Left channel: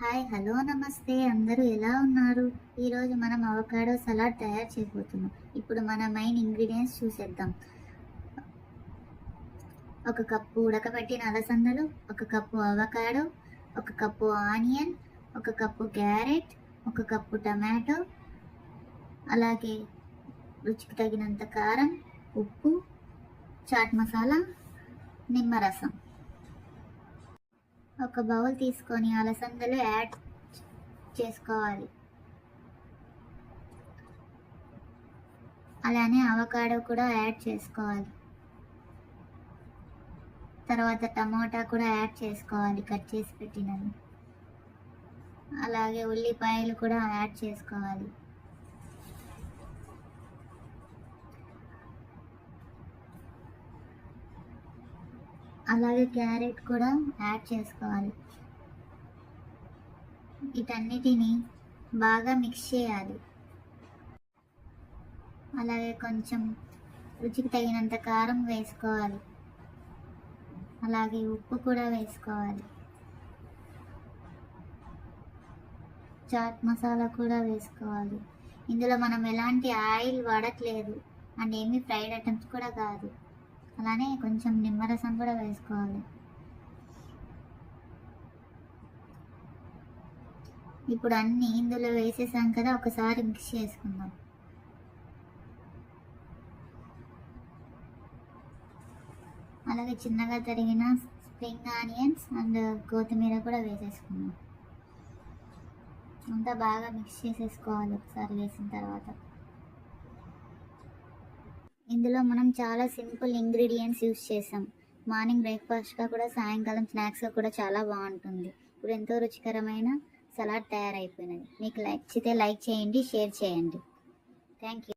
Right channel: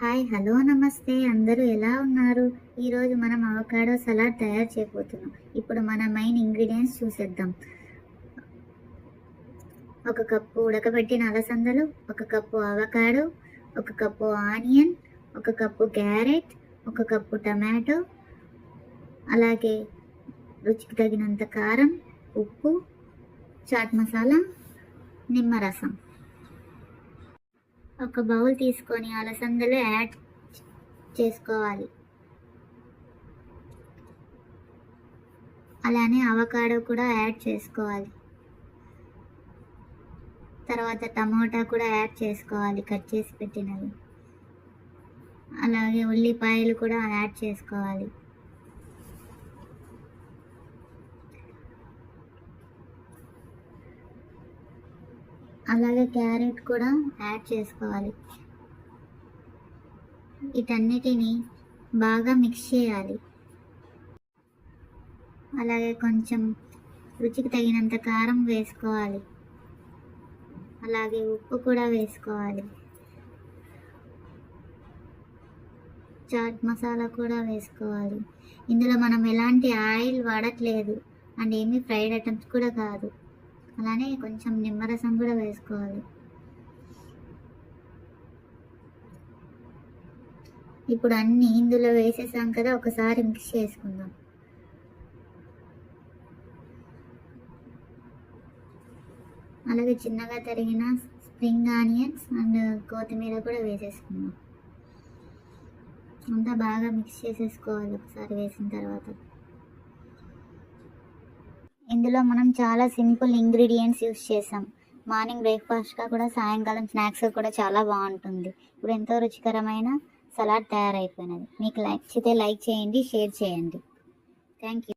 Hi hello నమస్తే అందరూ ఎలా ఉన్నారు? ఈరోజు మనం అవకాడో సలాడ్ తయారు చేయబోతున్నాం. ఇప్పుడు మన మెయిన్ ఇంగ్రీడియంట్స్ చూసేద్దాం. ఒక కప్పు ఉడకబెట్టిన అలసందలు, ఒక కప్పు అవకాడో, ఒక కప్పు ఆనియన్, ఒక కప్పు క్యారెట్, ఒక కప్పు టమాటో, అలాగే రుచికి తగినంత కారం, ఉప్పు, చాట్ మసాలా, నిమ్మరసం. ఒక బౌల్ తీసుకొని అలసందలు యాడ్ చేసుకోవాలి. అలానే అవకాడో కూడా యాడ్ చేసుకోవాలి. తర్వాత టమోటా కూడా యాడ్ చేసుకోవాలి, కట్ చేసి పెట్టినవి. అలాగే ఉల్లిపాయలు కూడా యాడ్ చేసుకోవాలి. అలాగే క్యారెట్ కూడా యాడ్ చేసుకోవాలి. వీటన్నిటిని బాగా మిక్స్ చేయాలి. అలాగే కొంచెం రుచికి తగినంత కారం వేసుకోవాలి. అలాగే ఉప్పు కూడా వేసుకోవాలి. చాట్ మసాలా కూడా వేసుకోవాలి. ఇందులో మనం ఎలాంటి ఆయిల్ వాడట్లేదు అండ్ ఏమీ ఫ్రైడ్ ఐటమ్స్ కూడా కాదు. అలానే కొంచెం నిమ్మరసం కూడా వేసుకోవాలి. ఇప్పుడు అన్నీ ఇందులో వేసేసాం కదా, ఒకసారి మిక్స్ చేసుకుందాం. అలాగే చిన్నగా తరిగిన స్ప్రింగ్ ఆనియన్స్ అండ్ కొత్తిమీర కూడా వేసేసుకుందాం. అంతా బాగా మిక్స్ చేసేసుకోవాలి ఒకసారి వేసిన తర్వాత. ఇందులో మనం చాలా సింపుల్ ఇంగ్రీడియంట్స్ యూస్ చేసాం. మార్నింగ్ బ్రేక్ఫాస్ట్గా కూడా, సాయంకాలం స్నాక్స్గా కూడా చాలా బాగుంటుంది. ఇప్పుడు ఎంతో రుచికరమైన సలాడ్ తయారైపోయినది. మీకు నచ్చితే లైక్ చేయండి, షేర్ చేయండి. Thank you.